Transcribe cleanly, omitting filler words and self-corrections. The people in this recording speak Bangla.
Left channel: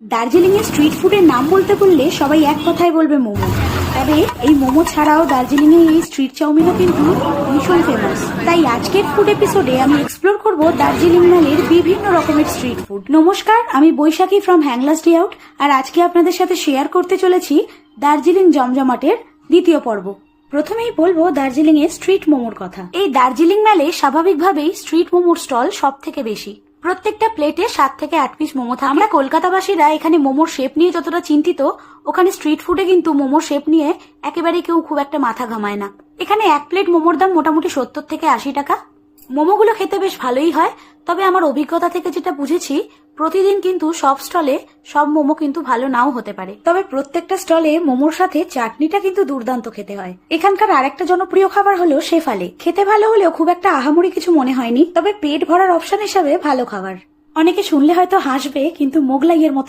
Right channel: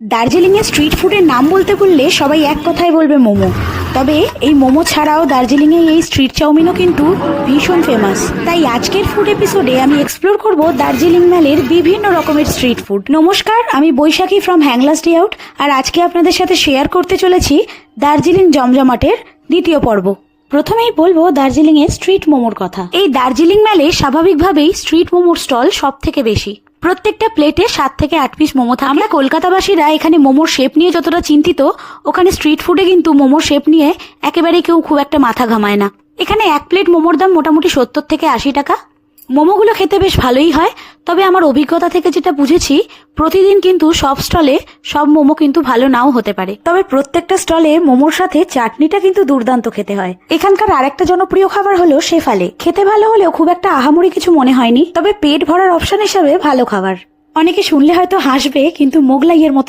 দার্জিলিং এর স্ট্রিট ফুডের নাম বলতে বললে সবাই এক কথায় বলবে মোমো। তবে এই মোমো ছাড়াও দার্জিলিং এর এই স্ট্রিট চাউমিনও কিন্তু ভীষণ ফেমাস। তাই আজকের ফুড এপিসোডে আমি এক্সপ্লোর করব দার্জিলিং ম্যালের বিভিন্ন রকমের স্ট্রিট ফুড। নমস্কার, আমি বৈশাখী ফ্রম হ্যাংলাস ডে আউট, আর আজকে আপনাদের সাথে শেয়ার করতে চলেছি দার্জিলিং জমজমাটের দ্বিতীয় পর্ব। প্রথমেই বলবো দার্জিলিং এর স্ট্রিট মোমোর কথা। এই দার্জিলিং ম্যালে স্বাভাবিকভাবেই স্ট্রিট মোমোর স্টল সব থেকে বেশি। প্রত্যেকটা প্লেটে 7 থেকে 8 পিস মোমো থাকে। আমরা কলকাতাবাসীরা এখানে মোমোর শেপ নিয়ে যতটা চিন্তিত, ওখানে স্ট্রিট ফুডে কিন্তু মোমোর শেপ নিয়ে একেবারে কেউ খুব একটা মাথা ঘামায় না। এখানে এক প্লেট মোমোর দাম মোটামুটি 70 থেকে 80 টাকা। মোমোগুলো খেতে বেশ ভালোই হয়, তবে আমার অভিজ্ঞতা থেকে যেটা বুঝেছি, প্রতিদিন কিন্তু সব স্টলে সব মোমো কিন্তু ভালো নাও হতে পারে। তবে প্রত্যেকটা স্টলে মোমোর সাথে চাটনিটা কিন্তু দুর্দান্ত খেতে হয়। এখানকার আরেকটা জনপ্রিয় খাবার হলো শেফালে। খেতে ভালো হলেও খুব একটা আহামরি কিছু মনে হয়নি, তবে পেট ভরার অপশন হিসেবে ভালো খাবার। অনেকে শুনলে হয়তো হাসবে, কিন্তু মোগলাইয়ের মতো